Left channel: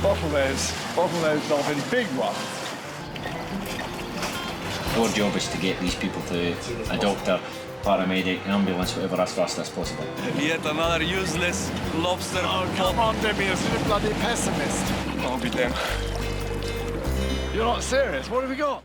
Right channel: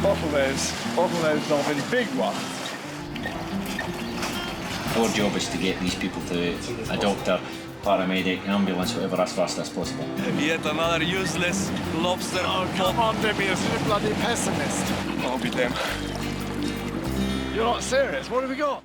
Bottle those dolphin, big ones. Our job is to get these people to a doctor, paramedic, ambulance, whatever, as fast as possible. Yet another useless lobster. Oh, come on, Demius, you're a bloody pessimist. I'll be damned. You're not serious. What have we got?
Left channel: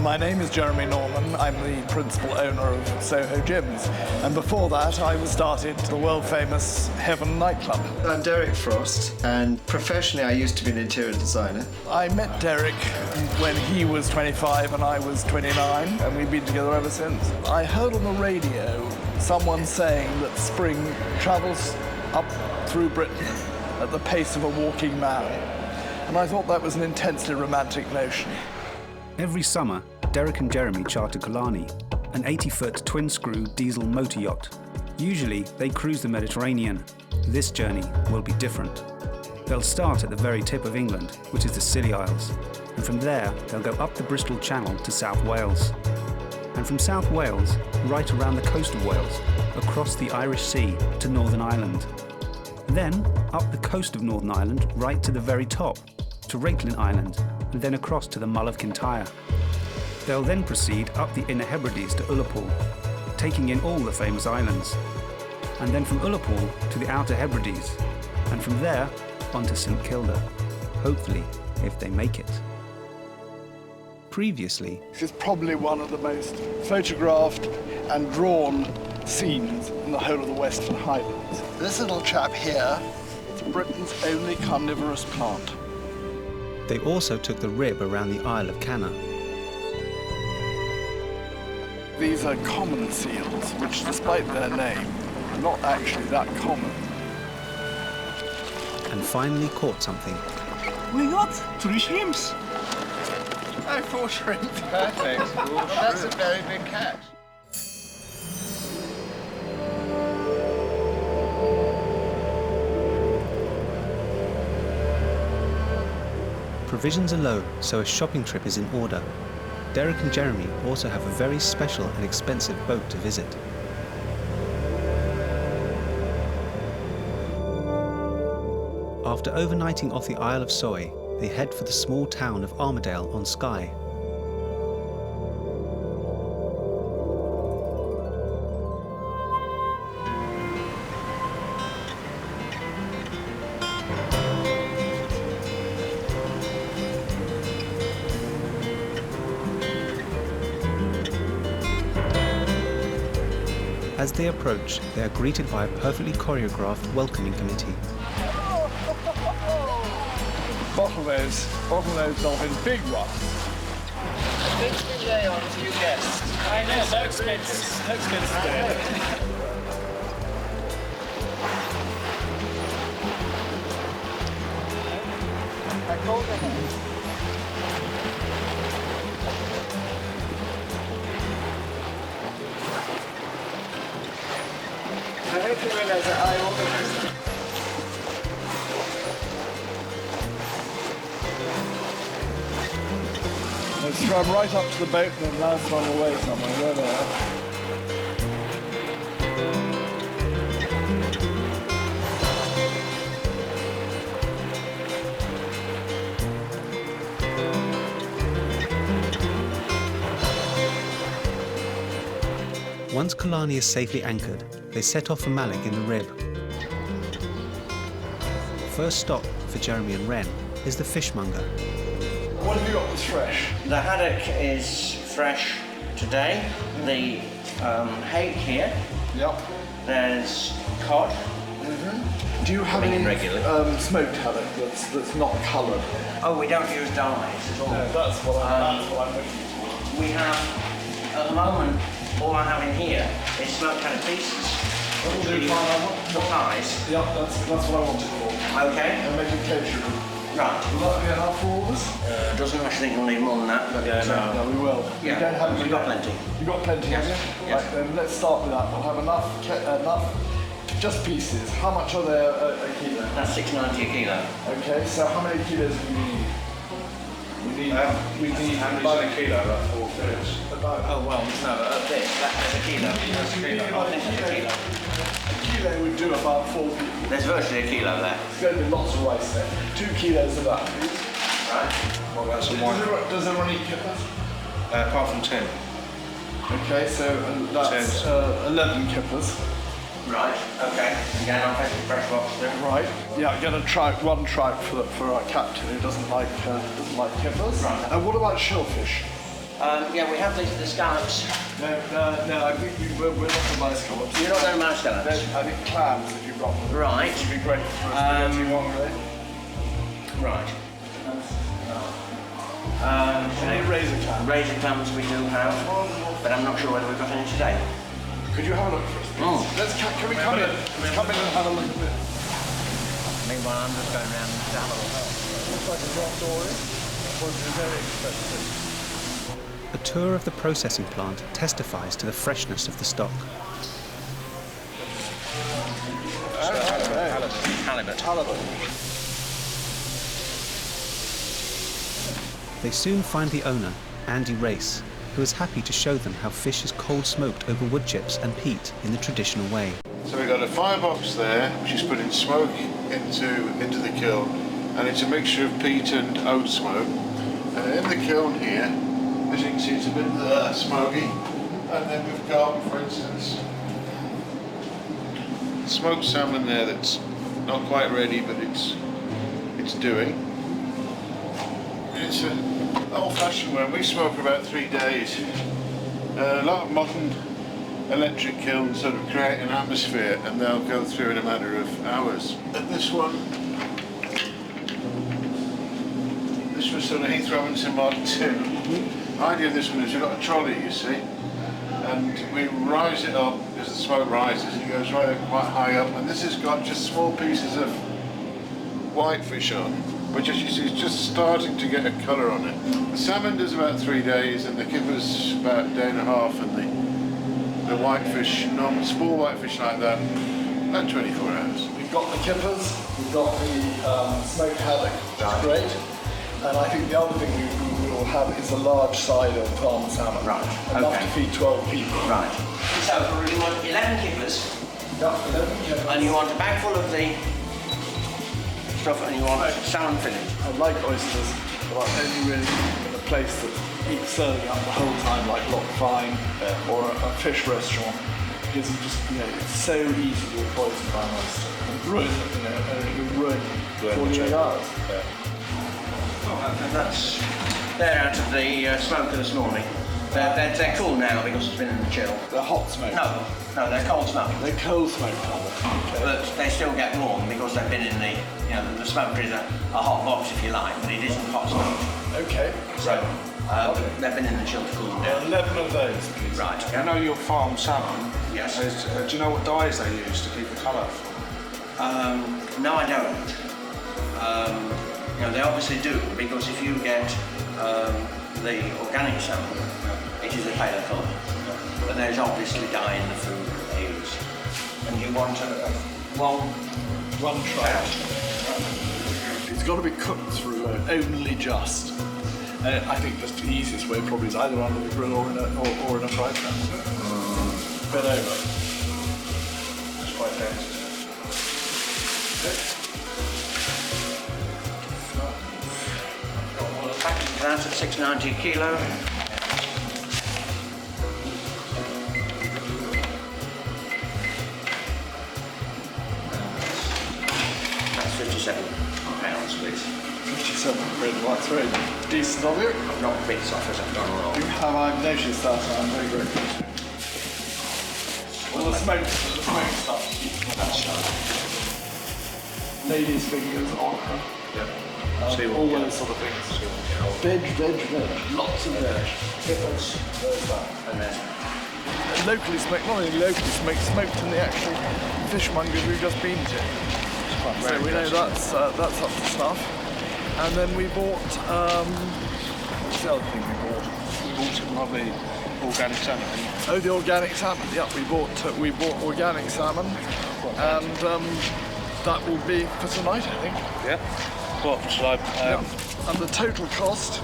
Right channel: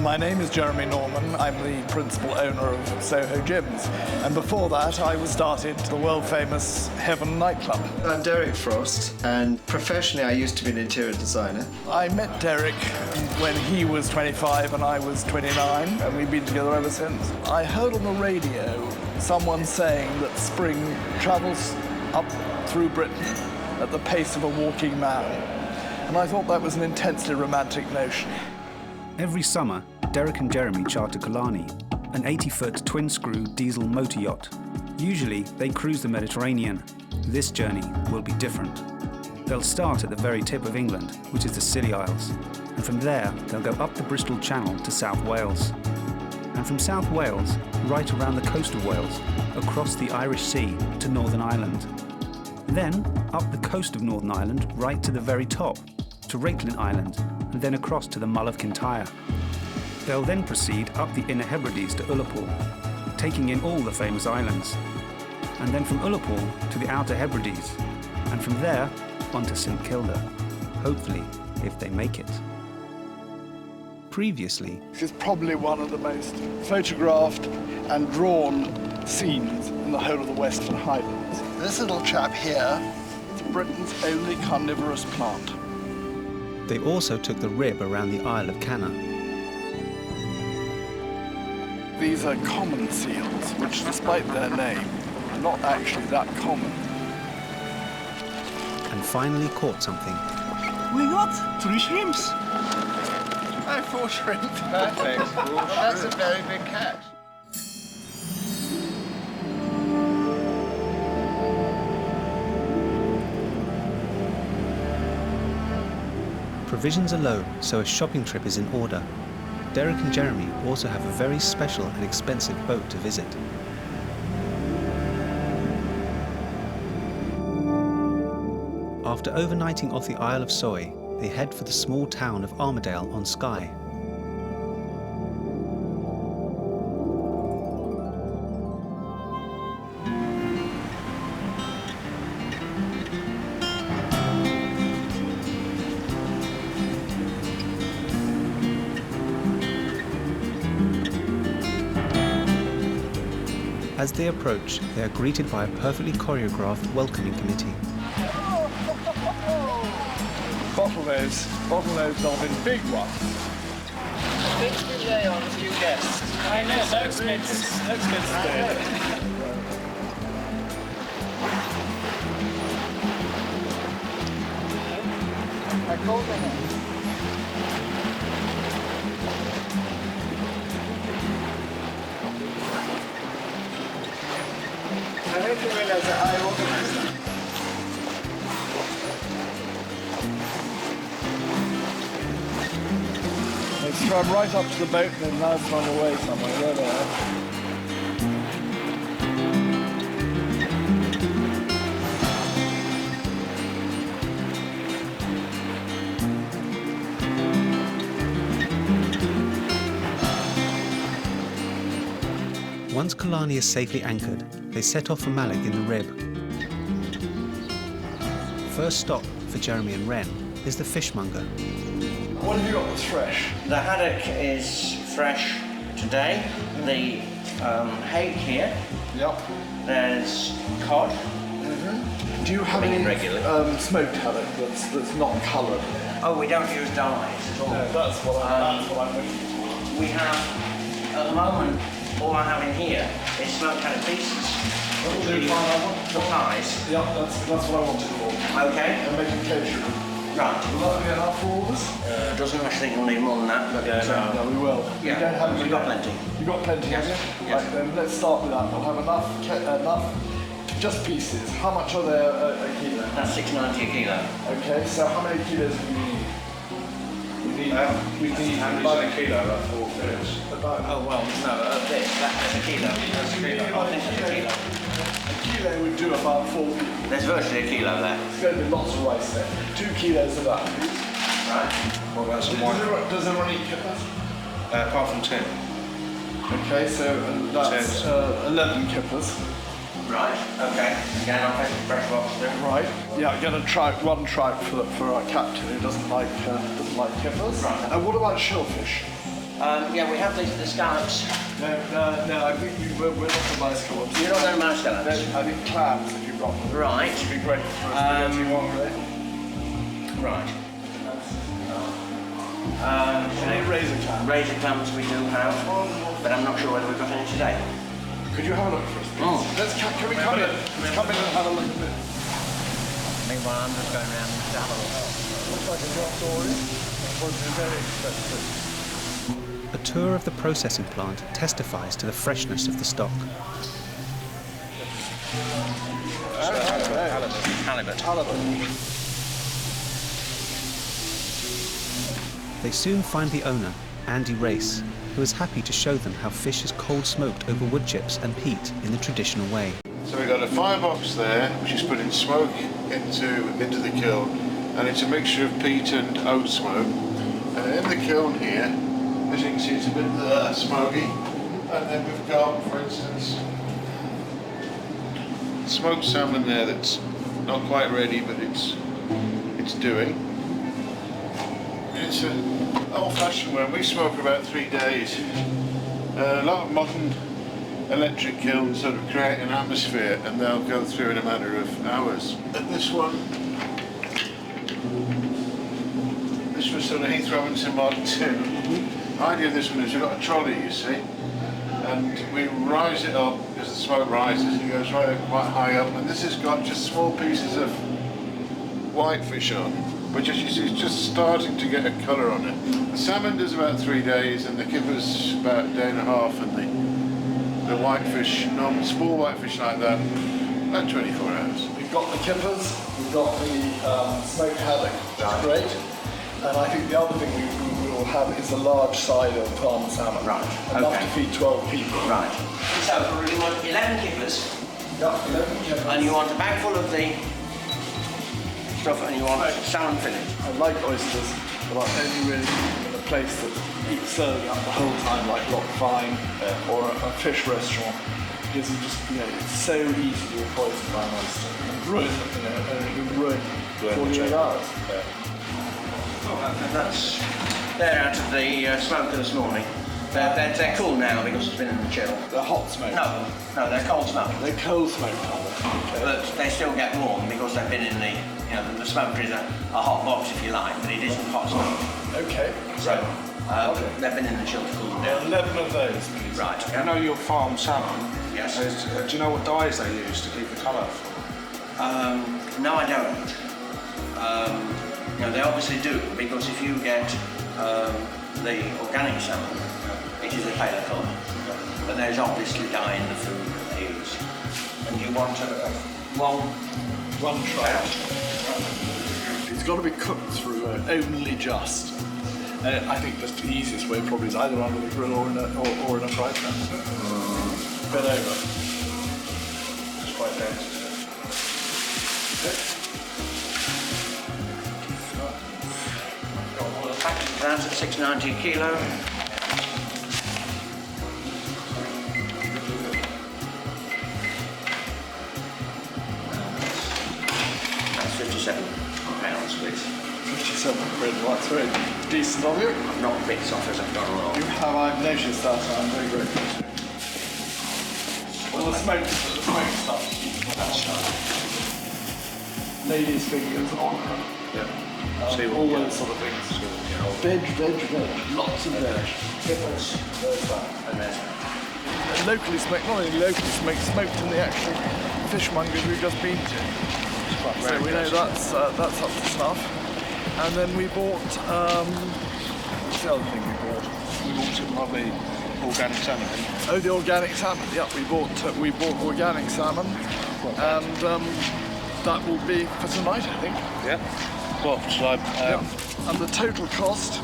My name is Jeremy Norman. I'm the principal owner of Soho Gyms. And before that, I started the world-famous Heaven nightclub. I'm Derek Frost, and professionally I used to be an interior designer. I met Derek when he was 25 and I was 29, and we've been together ever since. I heard on the radio someone saying that spring travels up through Britain at the pace of a walking man. And I thought that was an intensely romantic notion. Every summer, Derek and Jeremy charter Killarney, an 80-foot twin-screw diesel motor yacht. Usually, they cruise the Mediterranean. This journey will be different. They'll start at the very tip of England, which is the Scilly Isles, and from there, they'll go up the Bristol Channel to South Wales. And from South Wales, right around the coast of Wales, across the Irish Sea to Northern Ireland. Then, up the coast of Northern Ireland, right to the very top, to Reitlin Island, and then across to the Mull of Kintyre. They'll then proceed up the Inner Hebrides to Ullapool, taking in all the famous islands, and then from Ullapool to the Outer Hebrides, and from there on to St Kilda, hopefully, if they make it. Previously, This is probably one of the most photographed and drawn scenes in the whole of the Western Highlands. This little chap here is Britain's only carnivorous plant. they also took the rib around the Isle of Canna. These are common seals, which, despite their name, are not actually that common. And finally caught something. We got 3 shrimps. Oh, 4 shrimp. Perfect. Well, that's a very big catch. Provisions are low, so a shopping trip is in order. Derek and Jeremy also have a very special and expensive boat to visit. After overnighting off the Isle of Soy, they head for the small town of Armadale on Skye. As they approach, they are greeted by a perfectly choreographed welcoming committee. Bottlenose dolphin, big ones. I think we lay on a few guests. I know, no expenses. No expenses there. I called them in. I hope you realize that I organized them. They swam right up to the boat and then now swam away somewhere. There they are. Once Killarney is safely anchored, they set off for Mallock in the Rib. First stop for Jeremy and Wren is the fishmonger. What have you got that's fresh? The haddock is fresh today. The hake here. Yep. There's cod. Do you have any regularly. smoked haddock that's not coloured? Oh, we don't use dyes at all. No, that's what I'm looking for. We have, at the moment, all I have in here is smoked haddock pieces. That'll do fine. The thighs. Yep, that's what I want it for. Okay. And make it kosher. Right. Will that be enough for all of us? Doesn't actually think we'll need more than that, but No, we will. Yeah, We don't have we've got plenty. You've got plenty, Yes, have you? yes. Right, then let's start with that. We'll have enough, just pieces. How much are there a kilo? That's $6.90 a kilo. Okay, so how many kilos do you need? We need How many's in a kilo? Like 4 kilos. about Oh well, no, that's a kilo. That's a kilo. I think it's a kilo. a kilo would do about 4 people. There's virtually a kilo there. There's going to be lots of rice there. 2 kilos of that, please. Right. What about some Does everyone eat kippers? Apart from 10. Okay, so that's 11 kippers. Right. Okay. Again, I'll take the fresh lobster. Right. Yeah, get one trout for our captain who doesn't like kippers. Right. And what about shellfish? Yeah, we have the scallops. No, I think we're not going to buy scallops. You're not going to buy No, scallops? I think clams if you've got them. Right. Would be great for a spaghetti one day. Right. Any razor clams? Razor clams we do have, but I'm not sure whether we've got any today. Could you have a look for us, please? Oh. Can we come in? Let's come in and have a look at this. Meanwhile, I'm just going around to have a look. Looks like a drop dory. Would be very expensive. A tour of the processing plant testifies to the freshness of the stock. Halibut. They soon find the owner, Andy Race, who is happy to show them how fish is cold smoked over wood chips and peat in the traditional way. So we've got a firebox there, which is putting smoke into the kiln, and it's a mixture of peat and oat smoke. And in the kiln here, as you can see, it's a bit smoky. And then we've got, for instance, smoked salmon there that's not quite ready, but it's doing. It's an old-fashioned one. We smoke about 3 days. A lot of modern electric kilns sort of create an atmosphere, and they'll go through in a matter of hours. And this one, this was sort of Heath Robinson Mark II. The idea of this one is you've got a trolley, you see, and we rise it up as the smoke rises. It goes right up, quite high up, and this has got just small pieces of whitefish on, which as you see is just starting to get a colour on it. The salmon does about 3 days, and the kipper's about a day and a half, and the whitefish, small whitefish like that, about 24 hours. We've got the kippers, we've got the smoked haddock, which is great. And I think the other thing we will have is a large side of farm salmon. Right, Enough okay. to feed 12 people. Right. So you want 11 kippers, Yeah, 11 kippers. and you want a bag full of the stuff, and you want salmon fillet. I like oysters, but I only really in a place that keeps serving up the whole time, like Loch Fyne or a fish restaurant. Because it's so easy to be poisoned by an oyster and ruin, and ruin 48 hours. They're out of the smoker this morning. They're cool now because it's been in the chill. They're hot smoked. No, they're cold smoked. They're cold smoked, aren't they? Okay. But they still get warm because they've been in the smoker is a hot box if you like, but it isn't hot smoke. Okay. So they've been in the chill to cool them down. 11 of those, please. Right. I know your farm salmon. Yes. Do you know what dyes they use to keep the colour? No, I don't. They obviously do, because if you get the organic salmon, it is a paler colour. But there's obviously dye in the food that they use. And you want one trout. It's got to be cooked through only just. I think just the easiest way probably is either under the grill or in a fry pan. Bit over. It's quite dense. got all the package of that at $6.90 a kilo. That's £57, please. 57 quid, well, that's very decent of you. I've knocked bits off as I've gone along. I've noticed that, I'm very grateful. All the smoke stuff. That's right. Ladies' fingers, okra. All those sort of things. Veg. Lots of veg. Pickles. There's that. And there's Locally smoked, not only locally smoked in the actual fishmongers we've just been to. So we know that's up to snuff. And then we bought, what's the other thing we bought? We bought some lovely organic salmon, didn't we? Oh, the organic salmon. Yeah, we bought organic salmon, and that will be for tonight, I think. Yeah. Well, shall I... Yeah. And the total cost,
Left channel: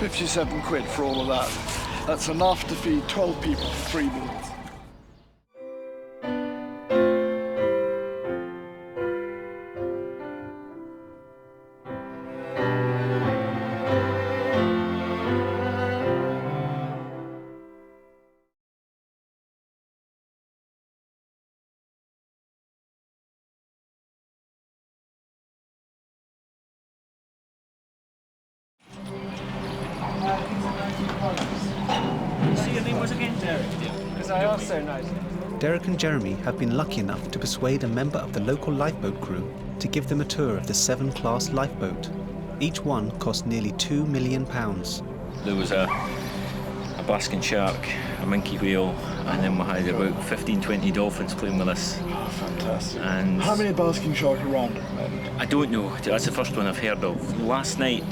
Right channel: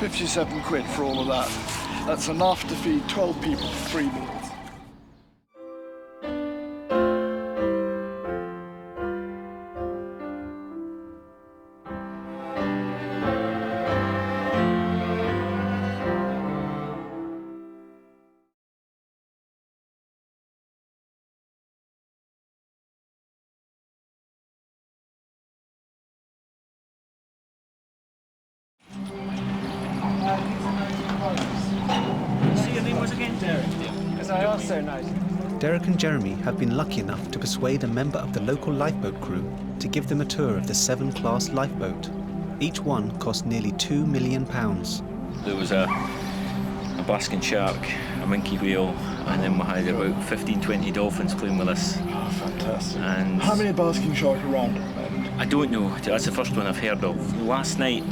57 quid for all of that. That's enough to feed 12 people for 3 meals. Derek and Jeremy have been lucky enough to persuade a member of the local lifeboat crew to give them a tour of the 7-class lifeboat. Each one cost nearly £2 million. There was a basking shark, a minke whale, and then we had about 15-20 dolphins playing with us. Oh, fantastic. And how many basking shark around at the moment? I don't know. That's the first one I've heard of. Last night,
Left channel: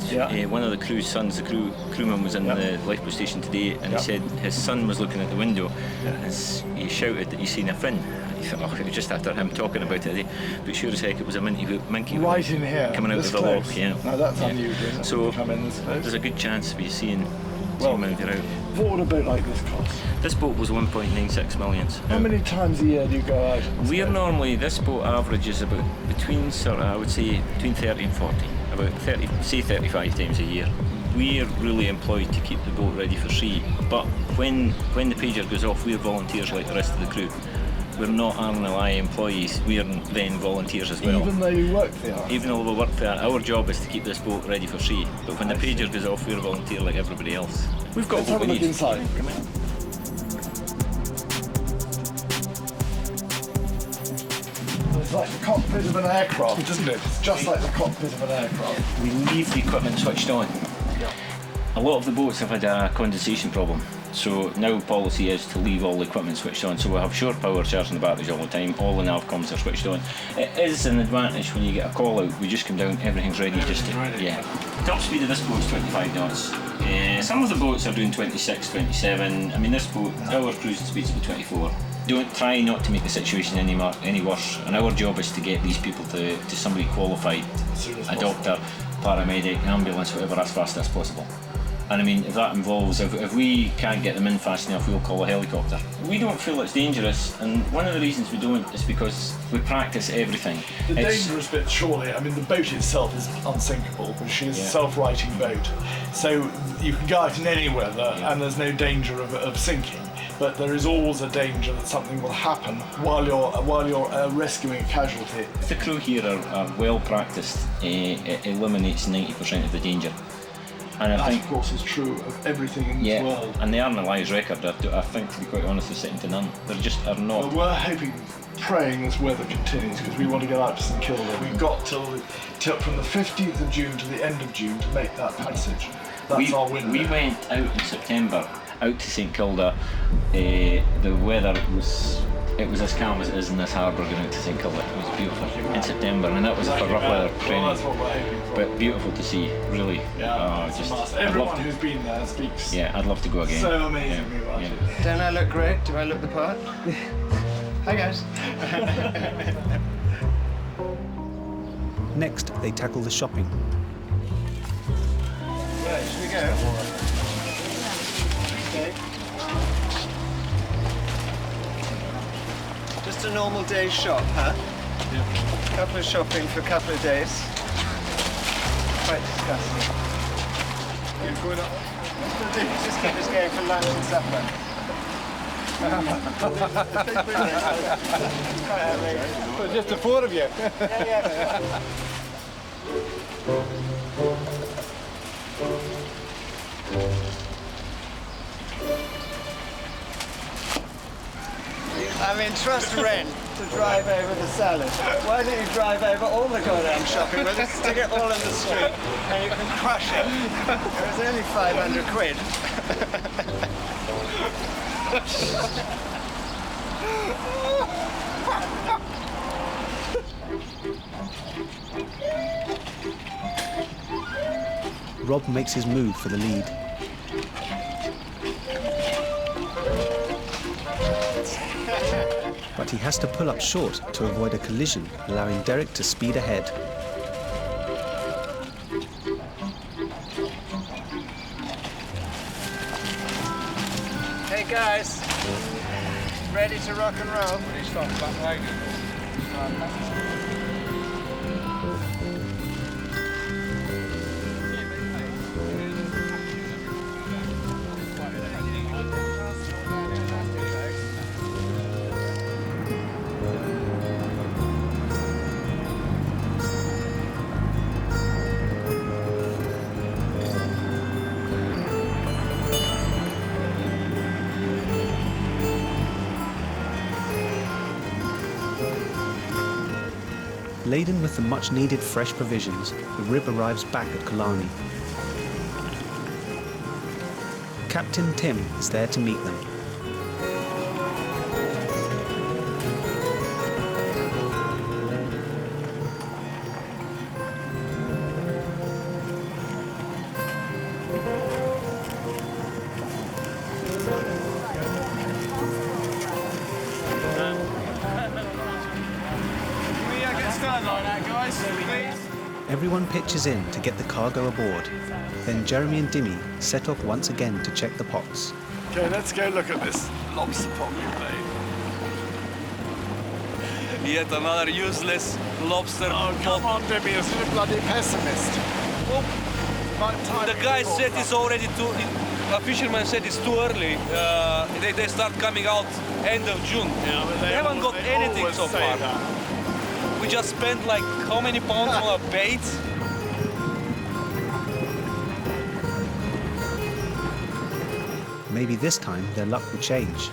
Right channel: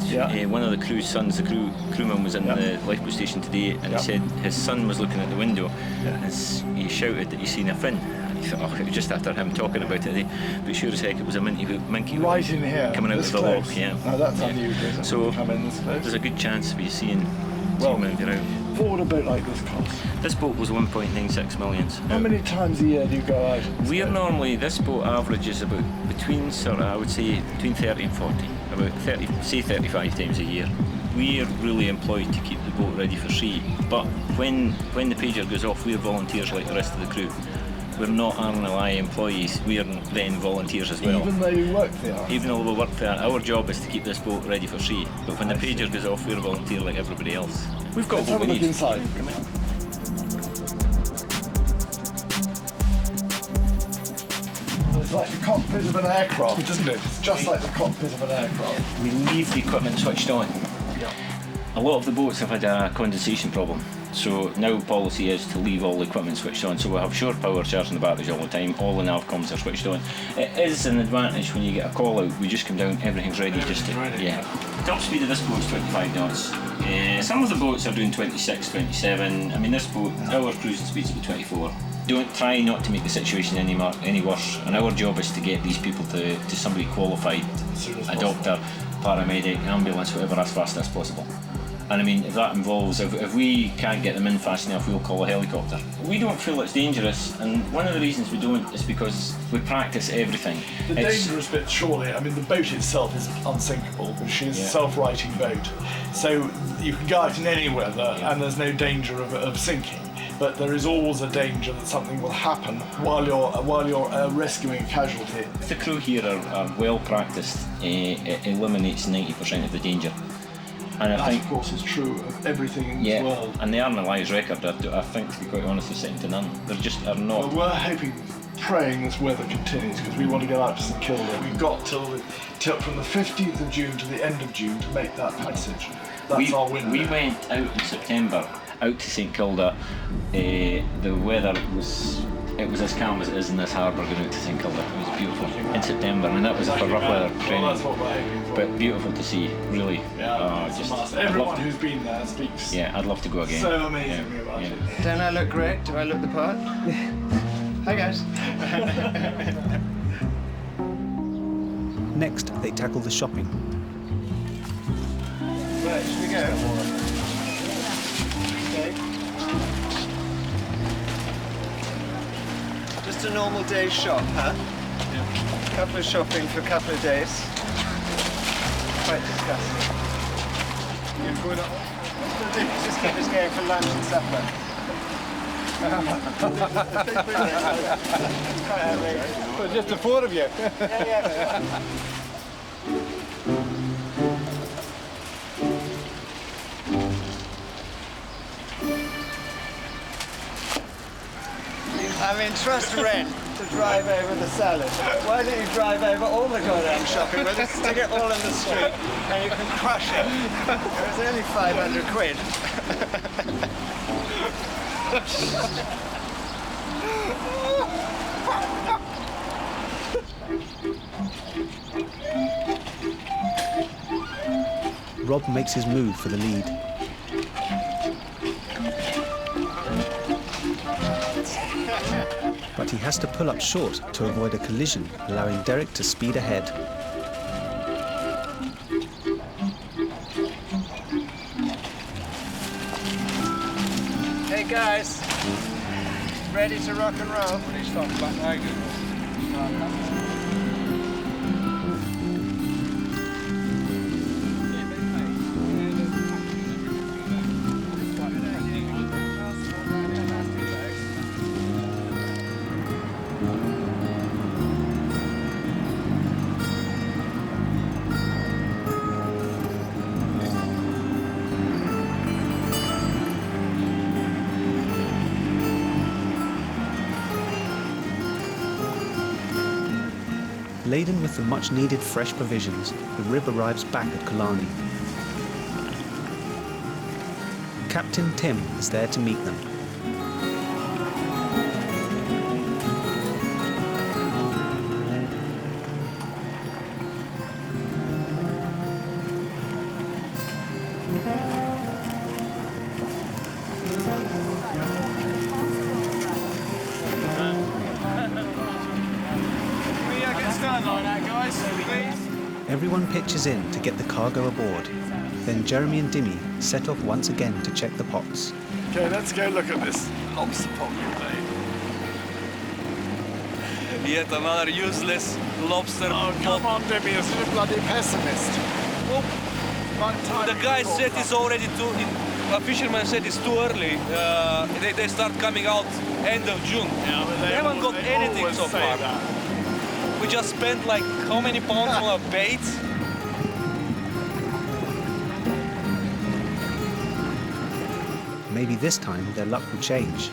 one of the crew's sons, the crewman was in the lifeboat station today, and he said his son was looking at the window and he shouted that he seen a fin. He thought, oh, it was just after him talking about it today. But sure as heck, it was a minke whale right in here, coming out of the close. log. Yeah. No, that's unusual, isn't it? So come in this close. There's a good chance of you seeing. Well, if you're out. What would a boat like this cost? This boat was 1.96 million. How many times a year do you go out? We're normally, this boat averages about between 30 and 40, about 35 times a year. We're really employed to keep the boat ready for sea, but when the pager goes off, we're volunteers like the rest of the crew. We're not RNLI employees, we're then volunteers as well. Even though you work there? Even though we work there, our job is to keep this boat ready for sea. But when the pager goes off, we're a volunteer like everybody else. We've got Let's what have we a look need. inside. It's like the cockpit of an aircraft, isn't it? It's just like the cockpit of an aircraft. We leave the equipment switched on. Yeah. A lot of the boats have had a condensation problem. So now policy is to leave all the equipment switched on. So we have shore power charging the batteries all the time, all the nav comms are switched on. It is an advantage when you get a call out, we just come down, everything's ready. Top speed of this boat is 25 knots. Some of the boats are doing 26, 27. I mean this boat, our cruising speed's about 24. Don't try not to make the situation any worse, and our job is to get these people to somebody qualified, a doctor, paramedic, ambulance, whatever, as fast as possible. And I mean, if that involves, if we can't get them in fast enough, we'll call a helicopter. We don't feel it's dangerous, and one of the reasons we don't is because we practice everything. The dangerous bit, surely, I mean, the boat itself is unsinkable, because she's a self-righting boat. So you can go out in any weather, and there's no danger of sinking. But there is always a danger that something will happen while you're rescuing a casualty. If the crew here are well practiced, it eliminates 90% of the danger. And that, of course, is true of everything in this world. And the RNLI's record, I think, to be quite honest, is second to none. There just are not. Well, we're hoping, praying this weather continues, because we want to get out to St Kilda. We've got till from the 15th of June to the end of June to make that passage. That's our window. We went out in September, out to St Kilda. The weather was. It was as calm as it is in this harbour going out to St Kilda. It was beautiful in September, and that was for rough weather training. Well, that's what we're hoping for. But beautiful to see, really. Yeah, everyone who's been there speaks. Yeah, I'd love to go again. So amazingly about it. Don't I look great? Do I look the part? Hi guys. Next, they tackle the shopping. Right, should we go? Okay. Just a normal day's shop, huh? Yeah. Couple of shopping for a couple of days. Quite disgusting. You're going up. Just keep us going for lunch and supper. It's quite outrageous. So just the four of you? Yeah. I mean, trust Ren to drive over the salad. Why don't you drive over all the goddamn shopping with us, stick it all in the street, and you can crush it. It was only 500 quid. Rob makes his move for the lead. But he has to pull up short to avoid a collision, allowing Derek to speed ahead. Hey guys, ready to rock and roll? When he starts back wagon. Laden with the much-needed fresh provisions, the rib arrives back at Killarney. Captain Tim is there to meet them. Everyone pitches in to get the cargo aboard. Then Jeremy and Dimmy set off once again to check the pots. Okay, let's go look at this lobster pot we made. Yet another useless lobster Oh, come on, Dimmy, you're such a bloody pessimist. Well, the guy said it's already too... A fisherman said it's too early. They start coming out end of June. Yeah, but they haven't got anything so far. That. We just spent like how many pounds on a bait? Maybe this time their luck will change.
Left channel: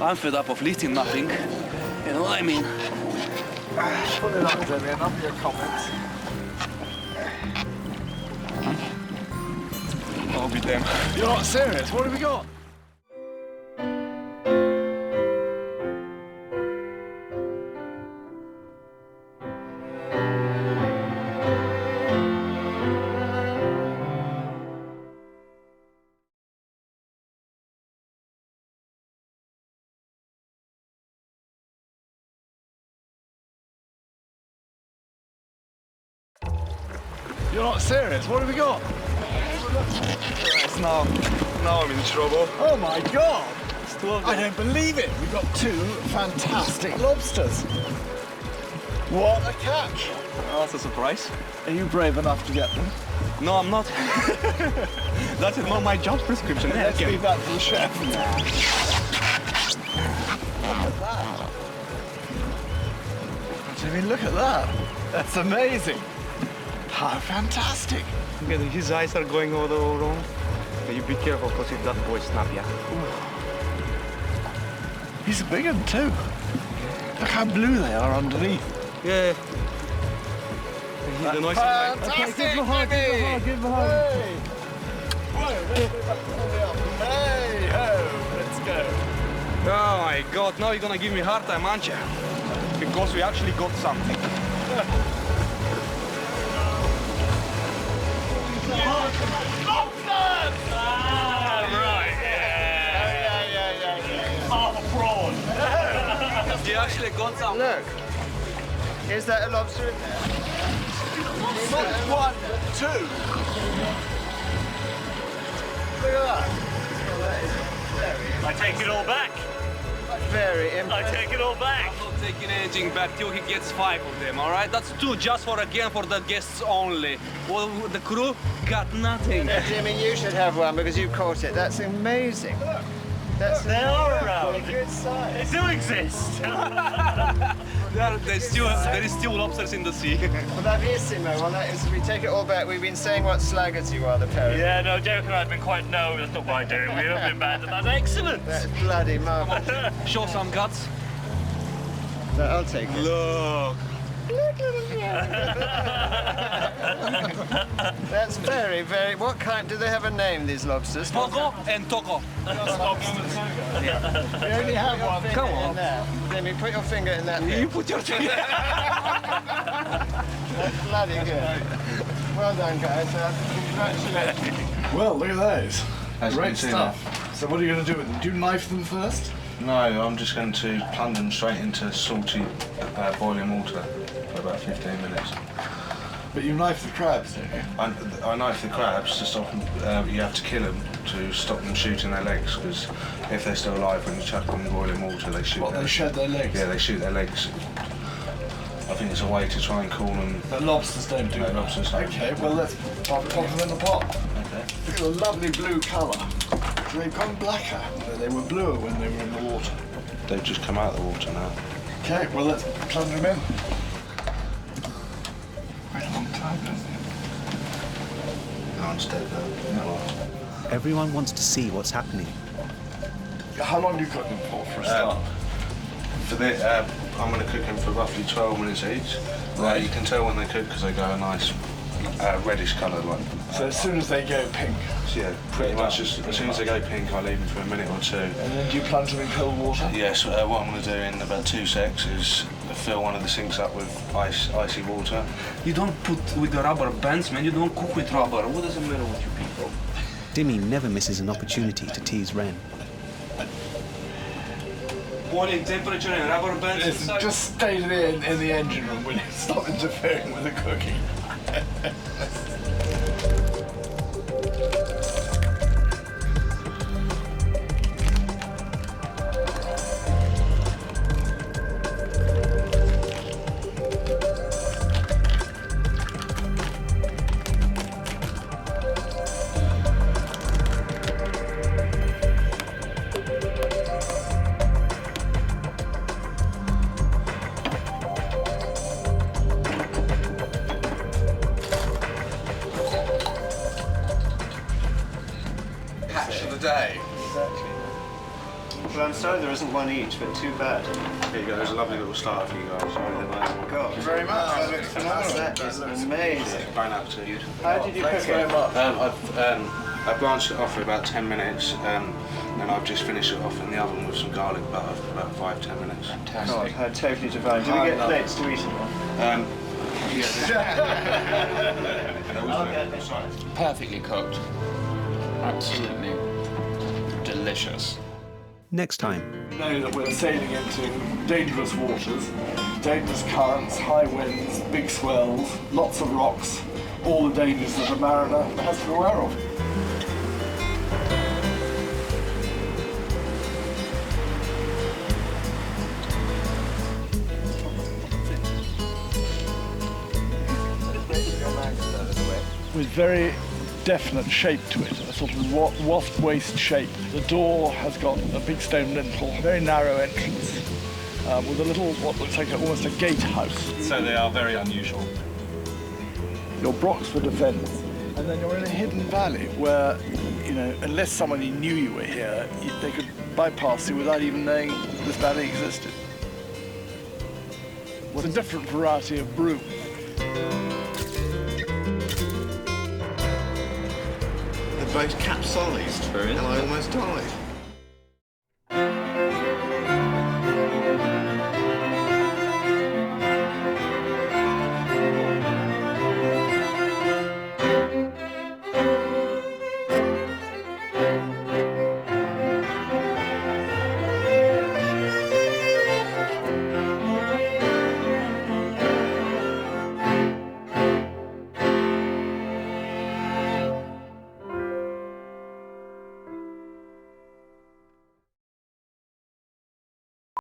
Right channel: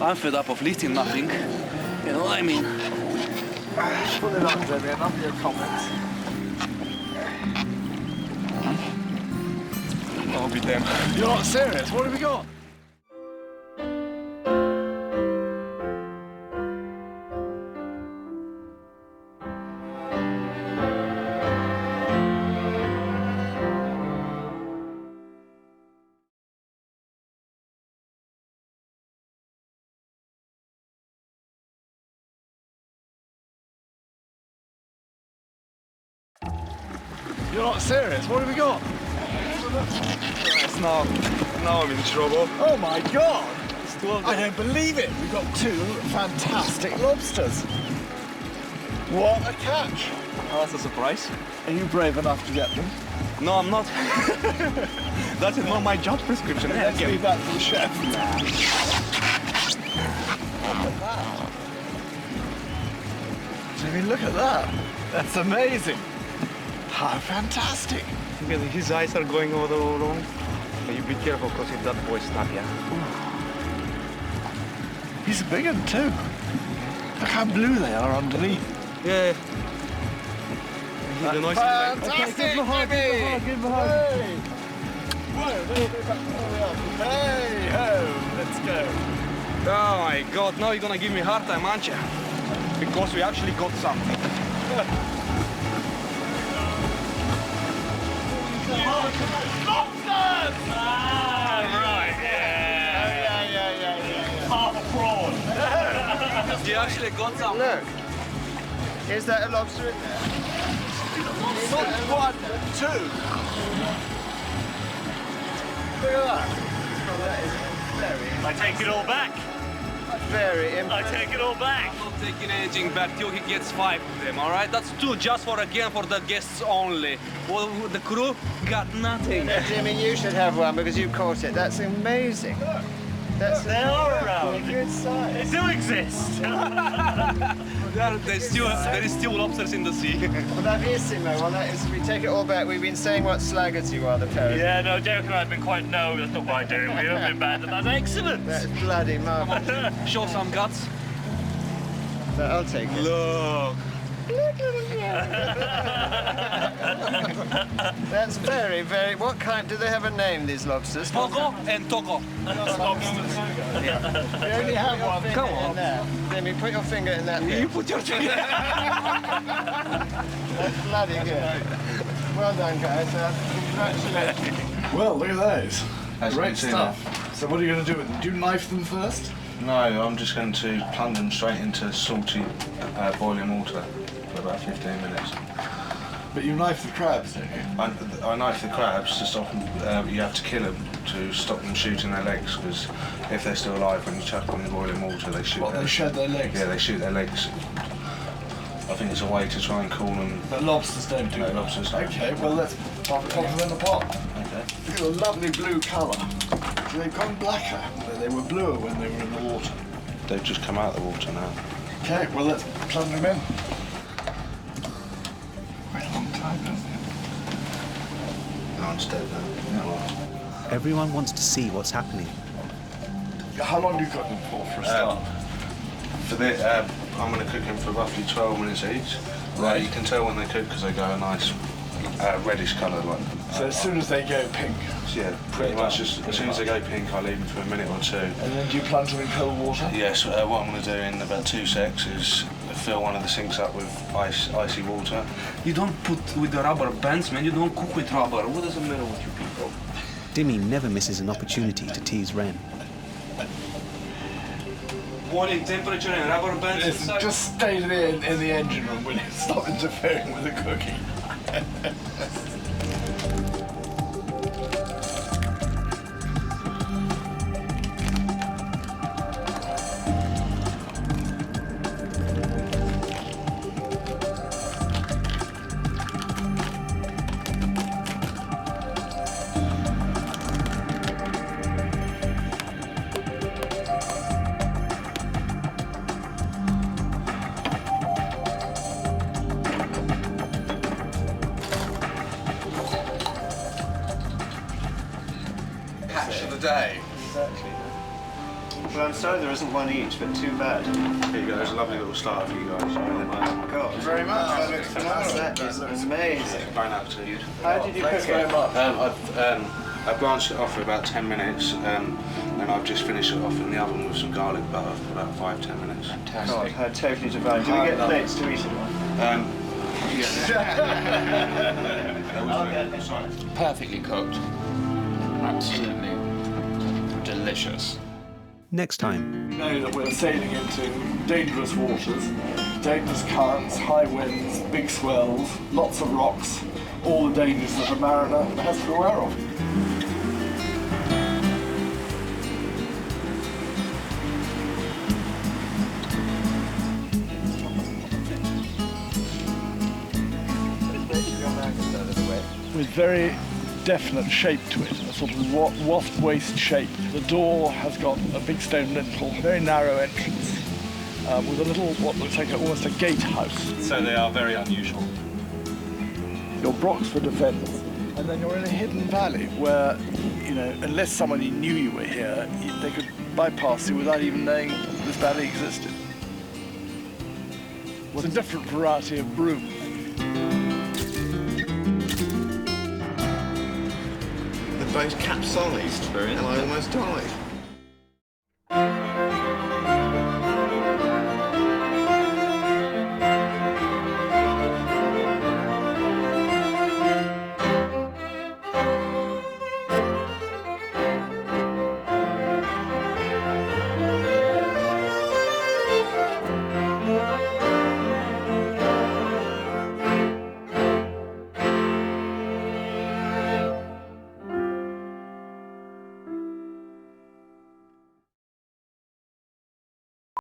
I'm fed up of lifting nothing. You know what I mean? Pull it up, Dimmy, enough of your comments. I'll be damned. You're not serious, what have we got? You're not serious, what have we got? Right, now I'm in trouble. Oh my God! It's 12 I don't believe it! We've got two fantastic lobsters. What a catch! Oh, that's a surprise. Are you brave enough to get them? No, I'm not. That is not my job prescription. Let's leave that for the chef. Nah. Look at that. Jimmy, look at that. That's amazing. How fantastic. Look at his eyes are going all wrong. You be careful, because if that boy snap, yeah. He's a big one too. Look how blue they are underneath. Yeah. The noise Fantastic, give him a hug, give him a hug. Hey. Whoa, let's go back to the up. Hey ho, let's go. Oh my God, now you're gonna give me a hard time, aren't you? Because we actually got something. Lobsters! Right, yeah. Half a prawn. You actually got something. Look, is that a lobster in there? Not one, but two. Look at that. Well, that is very, I take it all back. very I impressive. take it all back. I'm not taking anything back till he gets 5 of them, all right? That's 2 just for the guests only. Well, the crew got nothing. Jimmy, you should have one because you caught it. That's amazing. That's They are a around. good size. They do exist. There is still lobsters in the sea. Bravissimo. Well, that is, we take it all back. We've been saying what slaggers you are, the parrot. Yeah, no, Derek and I have been quite, no, that's not what I do. We haven't been bad, that's excellent. That's bloody marvellous. Show some guts. I'll take it. Look. look, little crab. That's very, very... What kind... Do they have a name, these lobsters? Pogo and Togo. We only have one. Come on. Jimmy, put your finger in that bit. You put your finger. That's bloody good. Well done, guys. Congratulations. Well, look at those. As you Great can see stuff. So what are you going to do with them? Do you knife them first? No, I'm just going to plunge them straight into salty boiling water for about 15 minutes. But you knife the crabs, don't you? I knife the crabs to stop them. You have to kill them to stop them shooting their legs, because if they're still alive when you chuck them in boiling water, they shoot. They shed their legs? Yeah, they shoot their legs. I think it's a way to try and cool them. But lobsters don't do that. Lobsters don't. Okay, well let's pop them in the pot. Okay. Look at the lovely blue colour. So they've gone blacker. They were bluer when they were in the water. They've just come out of the water now. Okay, well let's plunge them in. Quite a long time, hasn't it? No, it's dead now. Yeah. Everyone wants to see what's happening. How long do you cook them for a start? For the, I'm going to cook them for roughly 12 minutes each. Right. You can tell when they cook because they go a nice reddish colour. So as soon as they go pink? Yeah, pretty much. As soon as they go pink, I leave them for a minute or two. And then do you plunge them in cold water? Yes, what I'm going to do in about 2 secs is fill one of the sinks up with icy water. You don't put with the rubber bands, man. You don't cook with rubber. What does it matter with you people? Dimmy never misses an opportunity to tease Ren. Boiling temperature and rubber bands inside. Just stay in the engine room, will you? Stop interfering with the cooking. Catch of the day. Exactly. Well, I'm sorry there isn't one each, but too bad. Here you go, there's a lovely little starter for you guys. Sorry, God, thank you very much. That looks phenomenal. That is amazing. Fine appetite. How did you cook it? I blanched it off for about 10 minutes, and I've just finished it off in the oven with some garlic butter for about 5-10 minutes. God, how totally divine. Do we get plates to eat it on? Perfectly cooked. Absolutely delicious. Next time. We know that we're sailing into dangerous waters, dangerous currents, high winds, big swells, lots of rocks, all the dangers that a mariner has to be aware of. With very definite shape to it, a sort of wasp waist shape. The door has got a big stone lintel, very narrow entrance, with a little, what looks like almost a gatehouse. So they are very unusual. Your brocks for defence, and then you're in a hidden valley where, you know, unless somebody knew you were here, they could bypass you without even knowing this valley existed. It's a different variety of broom. The boat capsized and I almost died.